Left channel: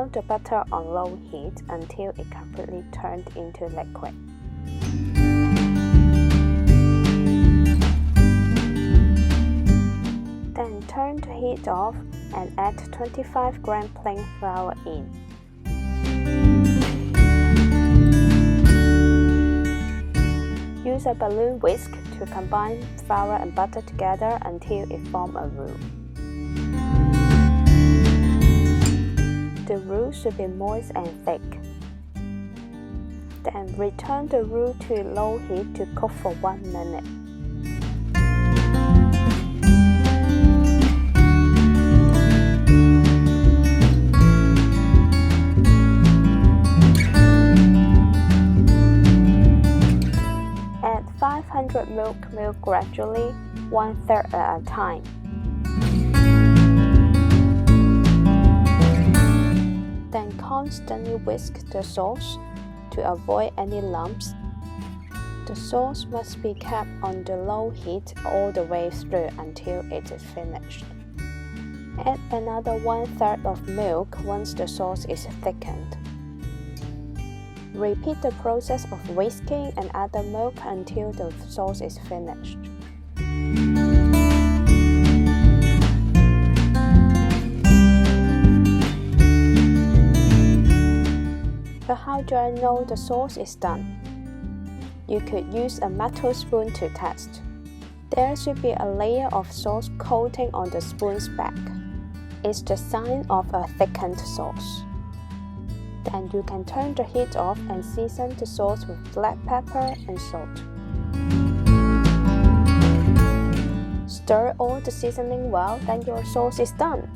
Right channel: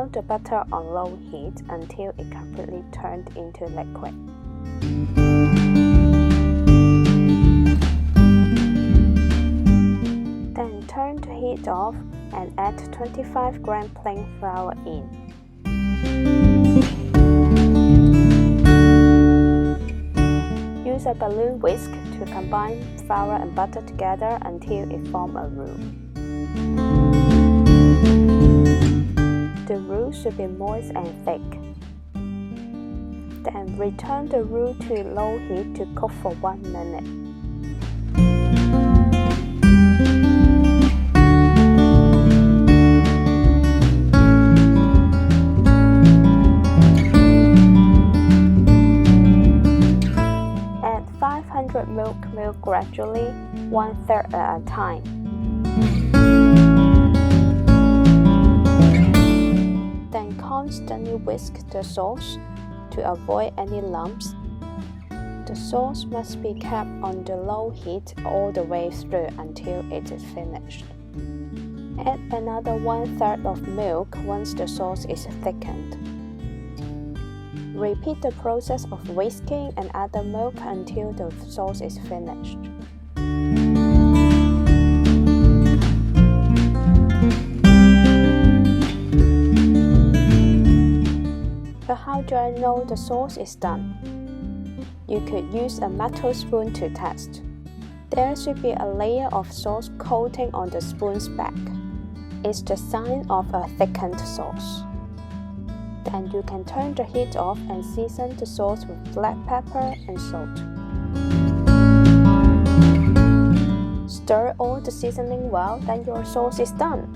Melt the butter on low heat until it completely turned into liquid. Then turn the heat off and add 25 gram plain flour in. Use a balloon whisk to combine flour and butter together until it forms a roux. The roux should be moist and thick. Then return the roux to low heat to cook for 1 minute. Add 500 milk gradually, 1/3 at a time. Then constantly whisk the sauce to avoid any lumps. The sauce must be kept on the low heat all the way through until it is finished. Add another 1/3 of milk once the sauce is thickened. Repeat the process of whisking and add the milk until the sauce is finished. But how do I know the sauce is done? You could use a metal spoon to test. There should be a layer of sauce coating on the spoon's back. It's the sign of a thickened sauce. Then you can turn the heat off and season the sauce with black pepper and salt. Stir all the seasoning well, then your sauce is done.